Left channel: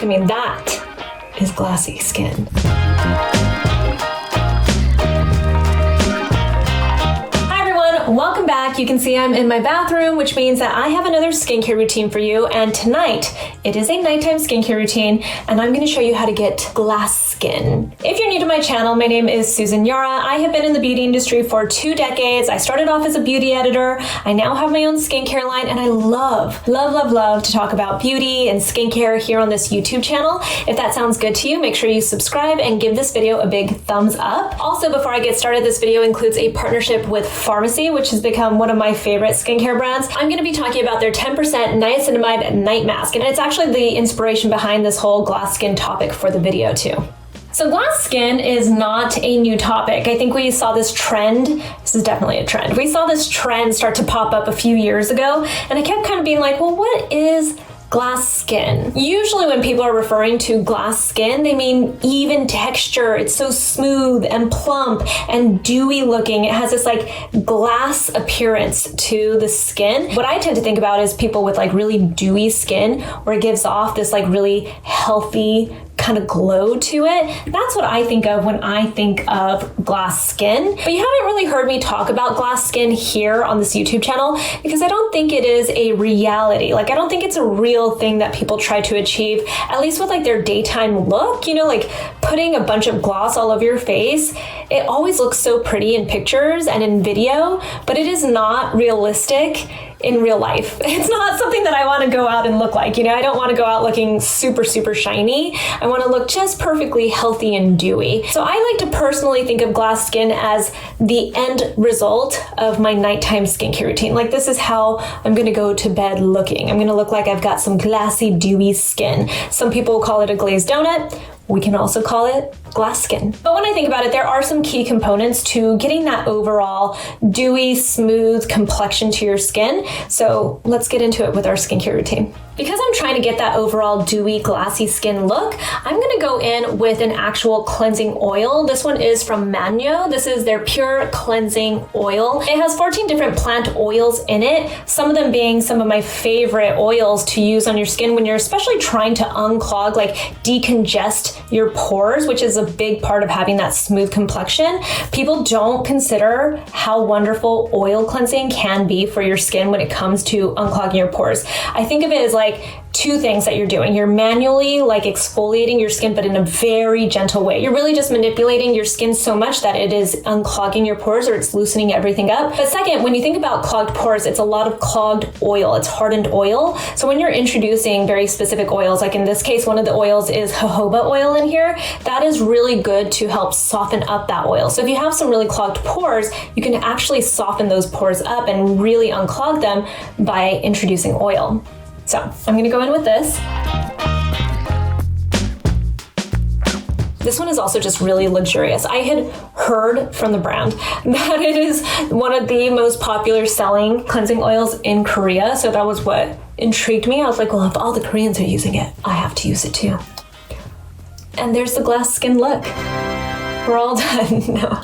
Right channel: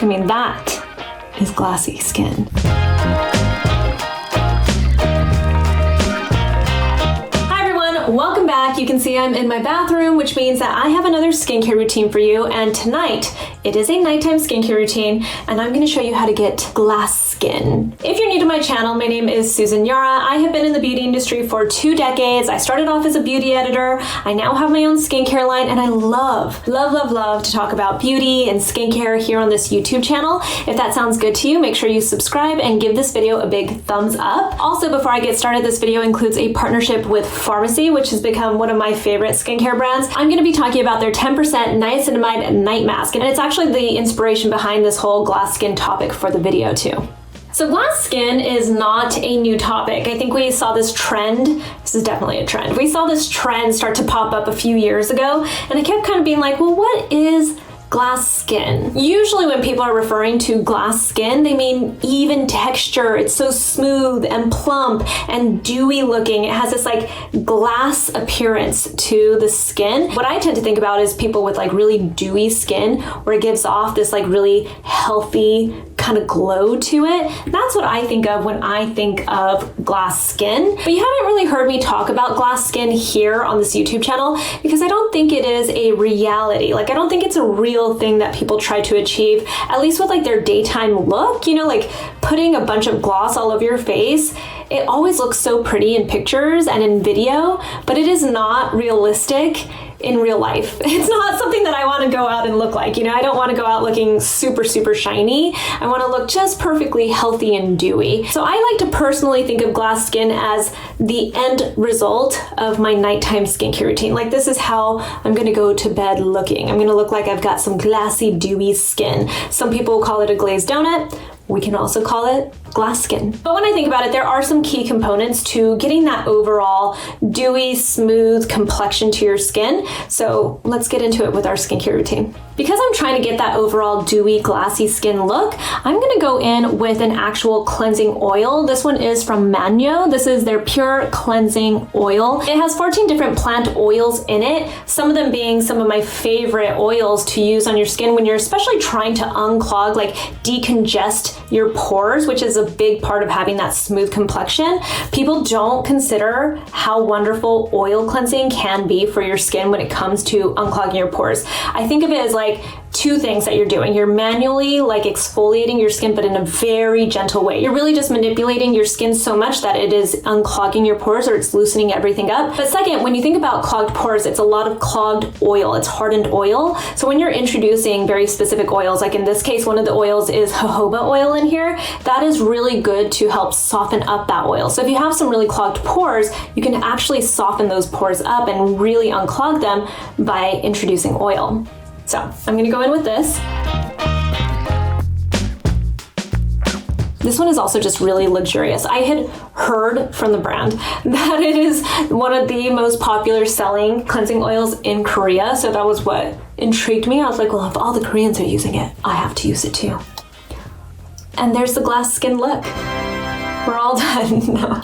I mean, that is glassy skin. Welcome back. You can see I'm in my bathroom, which means that I have another skincare routine for you. And tonight, it is a nighttime skincare routine, and I'm going to show you how to get glass skin. If you're new to my channel, my name is Susan Yara. I have been in the beauty industry for 2 decades. I started off as a beauty editor. I now have my own skincare line, and I love to talk about beauty and skincare here on this YouTube channel. If that sounds good to you, make sure you subscribe and give this video a big thumbs up. Also, before I get started, this video includes a partnership with Farmacy, which has become one of my favorite skincare brands. I'm going to be talking about their 10% Niacinamide night mask, and it's actually the inspiration behind this whole glass skin topic for the video too. So glass skin is not a new topic. I think we saw this trend. This is definitely a trend. We saw this trend start to pop up a few years ago, and I kept kind of being like, well, what is glass skin? Usually when people are referring to glass skin, they mean even texture. It's so smooth and plump and dewy looking. It has this like glass appearance to the skin. What I tend to think about is people with like really dewy skin, where it gives off this like really healthy kind of glow to it. That's what I think of when I think of glass skin. But you haven't really heard me talk about glass skin here on this YouTube channel because I don't think it is a reality. Like, I don't think it's a real thing that people try to achieve, at least with like their daytime look. You know, like putting a bunch of gloss all over your face. It always looks so pretty in pictures and in video, but it is not realistic in real life. It's not something that I want to go out and look like. You know, I don't want to go out looking super shiny. I want to look just perfectly healthy and dewy. So I like to personally think of glass skin as the end result of my nighttime skincare routine. Like, this is how I'm going to go to bed looking. I'm going to look like I've got some glassy, dewy skin. Some people call it a glazed donut. We can also call it glass skin. But when I think about it, there are some key components to getting that overall dewy, smooth complexion to your skin. So let's get into it with our skincare routine. Because I'm trying to get that overall dewy, glassy skin look, I'm gonna go in with an actual cleansing oil. This one is from Manyo. This is their pure cleansing oil. It has 14 different plant oils in it, some of them being some of my favorite oils to use on your skin when you're especially trying to unclog, like decongest your pores, which is a big part of having that smooth complexion. People don't consider how wonderful oil cleansing can be for your skin when it comes to unclogging your pores. I think of it as like 2 things that you're doing. You're manually like exfoliating your skin, but in a very gentle way. You're really just manipulating your skin so much that it is unclogging your pores, or it's loosening everything up. But second, when you think about clogged pores, it's a lot of clogged oil. It's hardened oil. So when you're introducing very specific oils, like in this case, one of the oils is jojoba oil in here, that is really good to help soften up that oil. So if you have some really clogged pores, you can actually soften those pores up and really unclog them by introducing oil. So I'm gonna go in with this. This one is also just really luxurious. I had heard from the brand that it is one of the most popular selling cleansing oils in Korea. So that was what intrigued me. I was like, well, if all the Koreans are using it, I have to use it too. And there's the glass skin look. We're all done. No.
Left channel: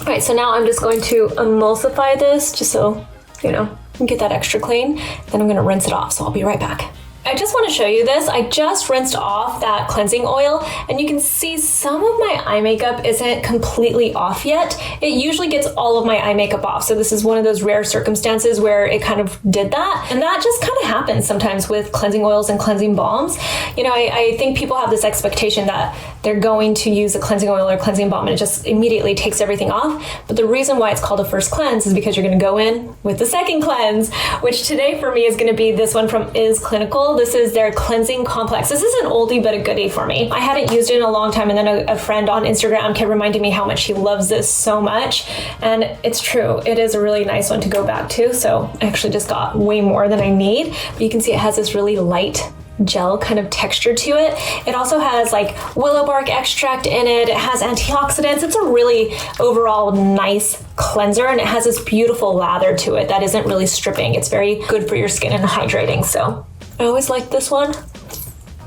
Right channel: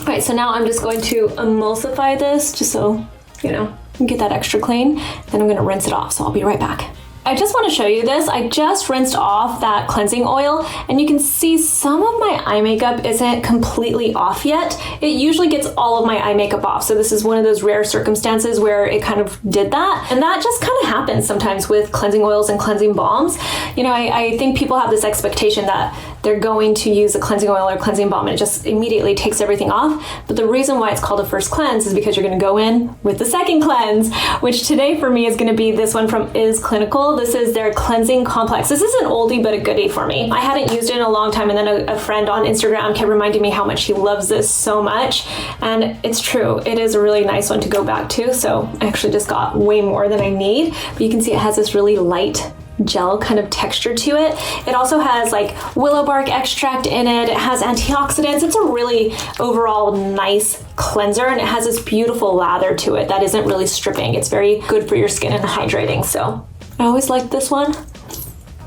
Alright, so now I'm just going to emulsify this just so, you know, get that extra clean. Then I'm going to rinse it off, so I'll be right back. I just want to show you this. I just rinsed off that cleansing oil, and you can see some of my eye makeup isn't completely off yet. It usually gets all of my eye makeup off, so this is one of those rare circumstances where it kind of did that. And that just kind of happens sometimes with cleansing oils and cleansing balms. You know, I think people have this expectation that they're going to use a cleansing oil or cleansing balm and it just immediately takes everything off. But the reason why it's called a first cleanse is because you're going to go in with the second cleanse, which today for me is going to be this one from Is Clinical. This is their cleansing complex. This is an oldie but a goodie for me. I hadn't used it in a long time, and then a friend on Instagram kept reminding me how much he loves this so much. And it's true, it is a really nice one to go back to. So I actually just got way more than I need, but you can see it has this really light gel kind of texture to it. It also has like willow bark extract in it. It has antioxidants. It's a really overall nice cleanser, and it has this beautiful lather to it that isn't really stripping. It's very good for your skin and hydrating. So I always liked this one.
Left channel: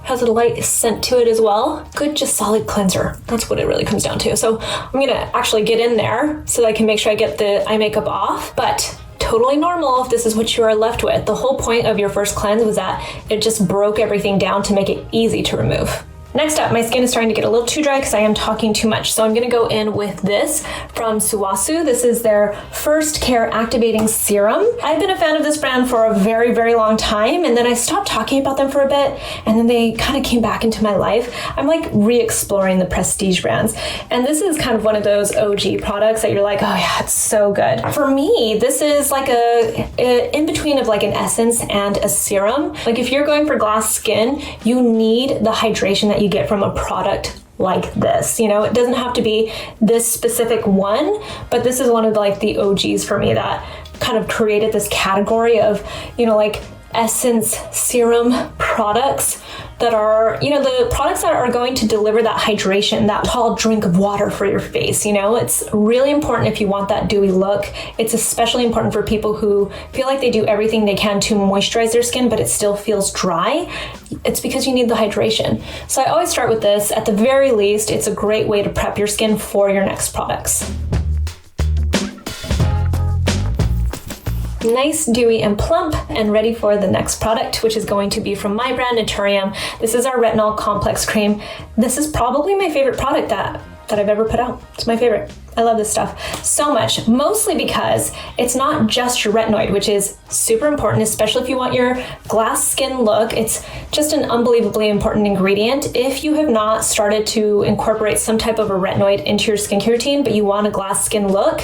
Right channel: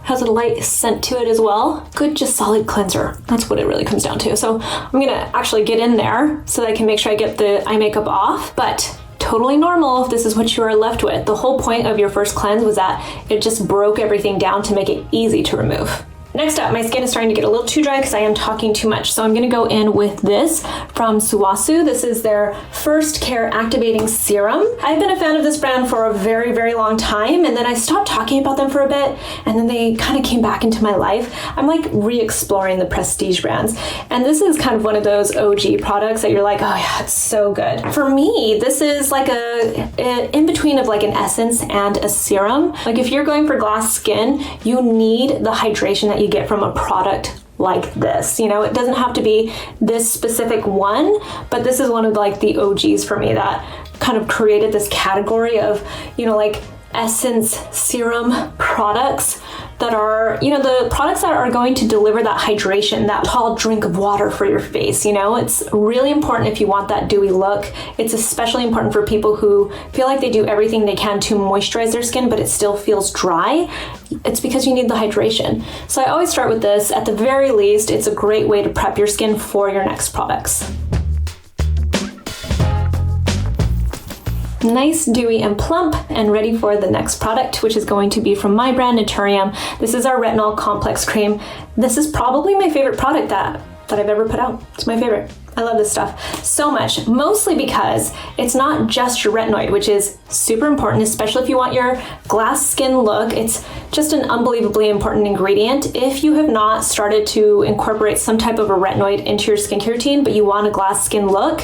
has a light scent to it as well. Good, just solid cleanser. That's what it really comes down to. So I'm gonna actually get in there so that I can make sure I get the eye makeup off, but totally normal if this is what you are left with. The whole point of your first cleanse was that it just broke everything down to make it easy to remove. Next up, my skin is starting to get a little too dry because I am talking too much. So I'm gonna go in with this from Sulwhasoo. This is their First Care Activating Serum. I've been a fan of this brand for a very, very long time, and then I stopped talking about them for a bit, and then they kind of came back into my life. I'm like re-exploring the prestige brands. And this is kind of one of those OG products that you're like, oh yeah, it's so good. For me, this is like a in between of like an essence and a serum. Like if you're going for glass skin, you need the hydration that you get from a product like this. You know, it doesn't have to be this specific one, but this is one of like the OGs for me that kind of created this category of, you know, like essence serum products that are, you know, the products that are going to deliver that hydration, that tall drink of water for your face. You know, it's really important if you want that dewy look. It's especially important for people who feel like they do everything they can to moisturize their skin, but it still feels dry. It's because you need the hydration. So I always start with this. At the very least, it's a great way to prep your skin for your next products. Nice, dewy, and plump, and ready for the next product, which is going to be from my brand, NATURIUM. This is our Retinol Complex Cream. This is probably my favorite product that I've ever put out. It's my favorite. I love this stuff so much, mostly because it's not just your retinoid, which is super important, especially if you want your glass skin look. It's just an unbelievably important ingredient. If you have not started to incorporate some type of a retinoid into your skincare routine, but you want a glass skin look,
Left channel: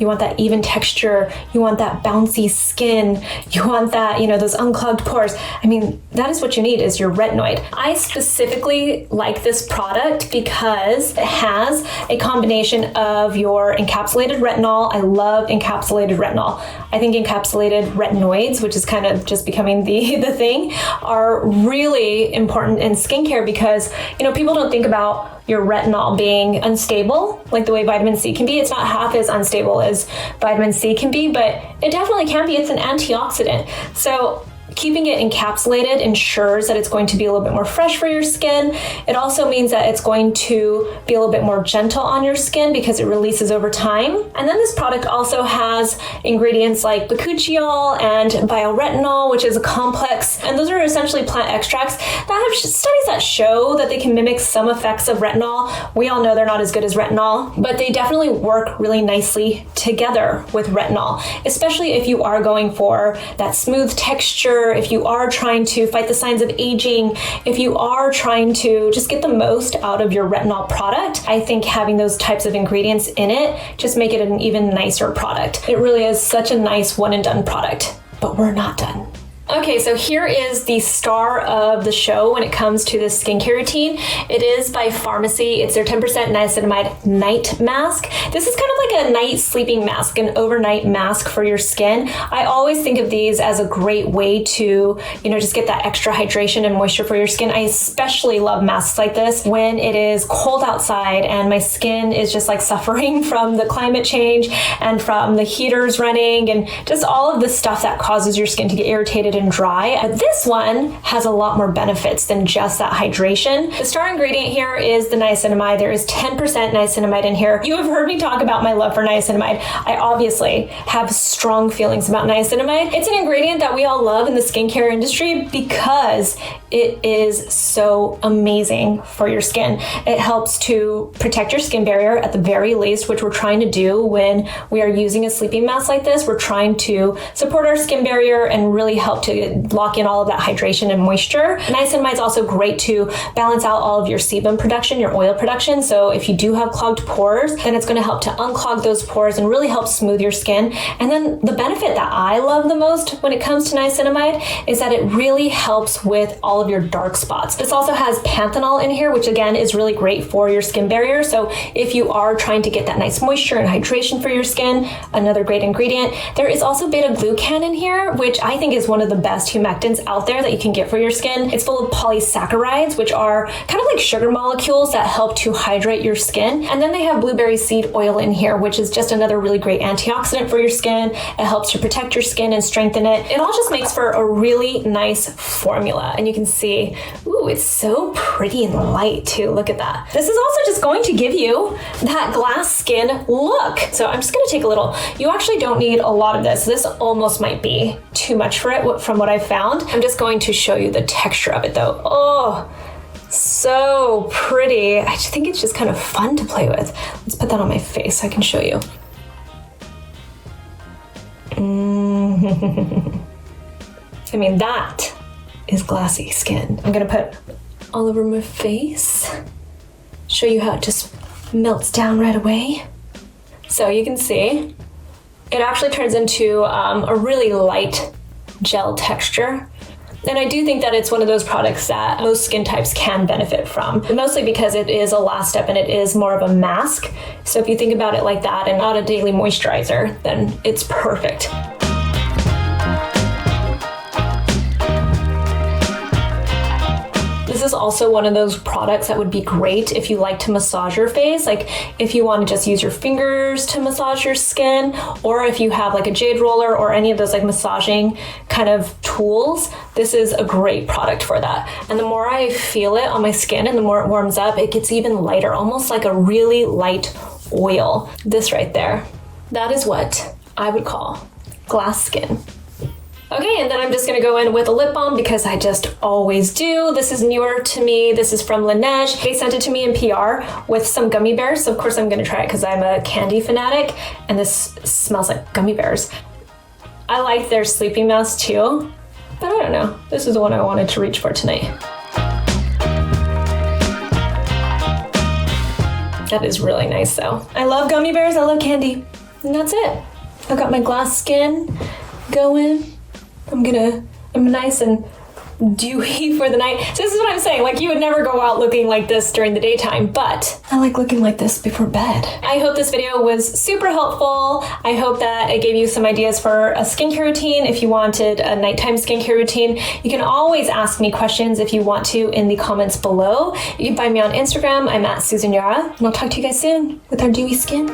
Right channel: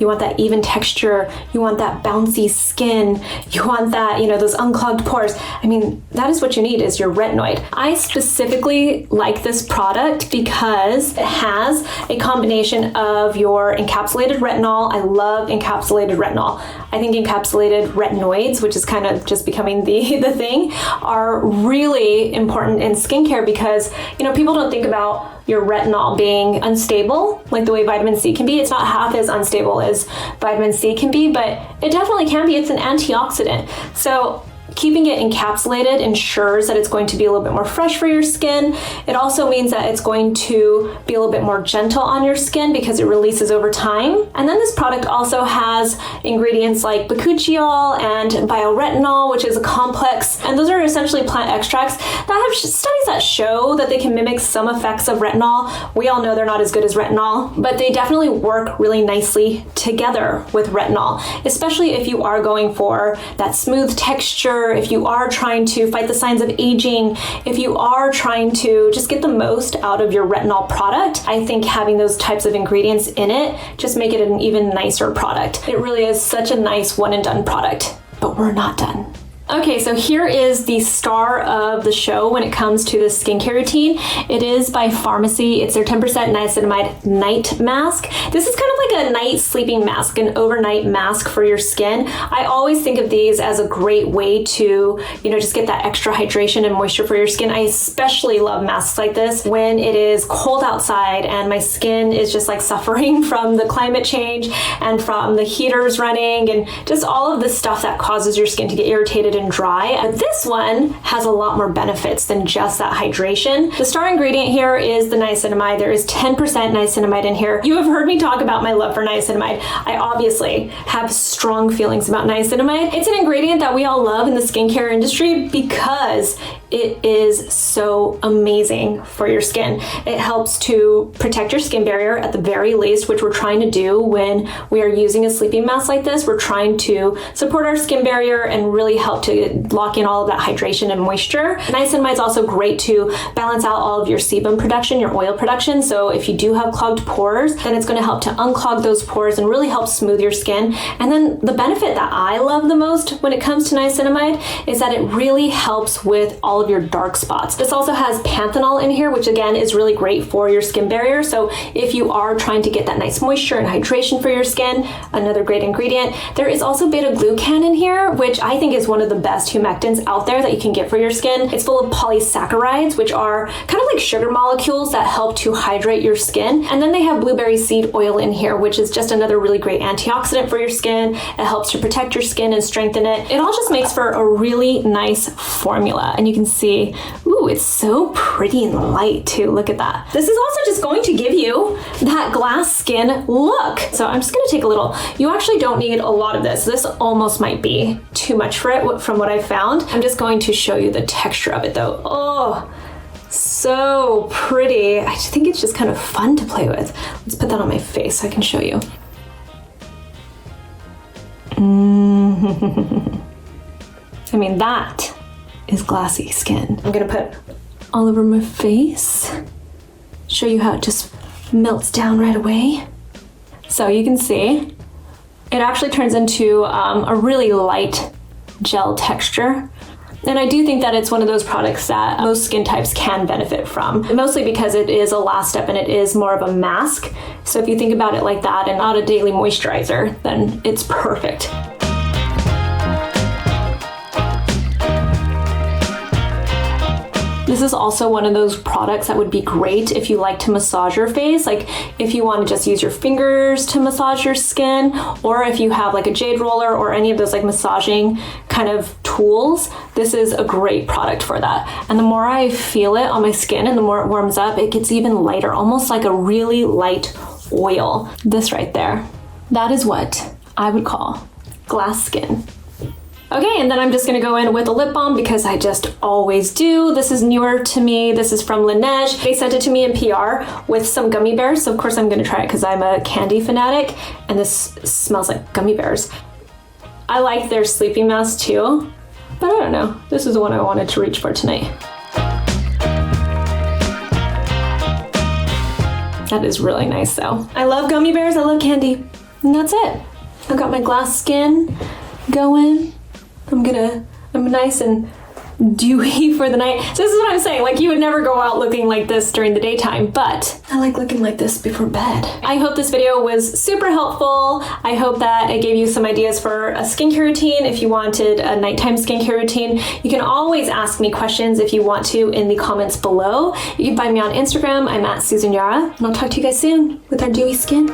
you want that even texture, you want that bouncy skin, you want that, you know, those unclogged pores. I mean, that is what you need, is your retinoid. I specifically like this product because it has a combination of your encapsulated retinol. I love encapsulated retinol. I think encapsulated retinoids, which is kind of just becoming the thing, are really important in skincare because, you know, people don't think about your retinol being unstable like the way vitamin C can be. It's not half as unstable as vitamin C can be, but it definitely can be. It's an antioxidant. So keeping it encapsulated ensures that it's going to be a little bit more fresh for your skin. It also means that it's going to be a little bit more gentle on your skin because it releases over time. And then this product also has ingredients like bakuchiol and bioretinol, which is a complex, and those are essentially plant extracts that have studies that show that they can mimic some effects of retinol. We all know they're not as good as retinol, but they definitely work really nicely together with retinol, especially if you are going for that smooth texture, if you are trying to fight the signs of aging, if you are trying to just get the most out of your retinol product. I think having those types of ingredients in it just make it an even nicer product. It really is such a nice one and done product, but we're not done. Okay, so here is the star of the show when it comes to the skincare routine. It is by Farmacy. It's their 10% niacinamide night mask. This is kind of like a night sleeping mask, an overnight mask for your skin. I always think of these as a great way to, you know, just get that extra hydration and moisture for your skin. I especially love masks like this when it is cold outside and my skin is just like suffering from the climate change and from the heaters running and just all of the stuff that causes your skin to get irritated and dry. But this one has a lot more benefits than just that hydration. The star ingredient here is the niacinamide. There is 10% niacinamide in here. You have heard me talk about my love for niacinamide. I obviously have strong feelings about niacinamide. It's an ingredient that we all love in the skincare industry because it is so amazing for your skin. It helps to protect your skin barrier at the very least, which we're trying to do when we are using a sleeping mask like this. We're trying to support our skin barrier and really help to lock in all of that hydration and moisture. Niacinamide is also great to balance out all of your sebum production, your oil production. So if you do have clogged pores, then it's going to help to unclog those pores and really help smooth your skin. And then the benefit that I love the most when it comes to niacinamide is that it really helps with all of your dark spots. This also has panthenol in here, which again is really great for your skin barrier. So if you are trying to get that nice moisture and hydration for your skin, another great ingredient. There is also beta-glucan in here, which I think is one of the best humectants out there that you can get for your skin. It's full of polysaccharides, which are kind of like sugar molecules that help to hydrate your skin. And then they have blueberry seed oil in here, which is just another really great antioxidant for your skin. It helps to protect your skin and strengthen it. It all just makes for a really nice formula. And you can see, ooh, Ooh, it's so pretty in the light too. Look at that. This is also just going to give you that glass skin look. So I'm just gonna take a little. You actually don't need a lot of this. This almost might be too much for it from what I found. I'm just going to show you the texture of it though. Oh, so pretty. I just think it's just kind of fun to play with. Let's put that on my face so I can show you. I mean, that is glassy skin. I'm gonna put all over my face, show you how it just melts down right away. So you can see, it actually turns into a really light gel texture. And I do think that it's one of those products that most skin types can benefit from, mostly because it is a last step and it is more of a mask. So if you think about it like that and not a daily moisturizer, then it's perfect. This is also one of those products that would be great if you like to massage your face, like if you want to just use your fingers to massage your skin, or if you have like a jade roller or any of those like massaging kind of tools. This is a great product for that. And the more I feel it on my skin and the more it warms up, it gets even lighter, almost like a really light oil. This right there, that is what I would call glass skin. Okay, and then I'm just gonna go in with a lip balm because I just always do. This is newer to me. This is from Laneige. They sent it to me in PR with some gummy bears. So of course I'm gonna try it because I'm a candy fanatic and this smells like gummy bears. I like their sleeping mask too, but I don't know. This is the one I wanted to reach for tonight. That is really nice though. I love gummy bears, I love candy, and that's it. I've got my glass skin going. I'm nice and dewy for the night. So this is what I'm saying, like you would never go out looking like this during the daytime, but I like looking like this before bed. I hope this video was super helpful. I hope that it gave you some ideas for a skincare routine. If you wanted a nighttime skincare routine, you can always ask me questions if you want to in the comments below. You can find me on Instagram. I'm at Yara, and I'll talk to you guys soon with our dewy skin.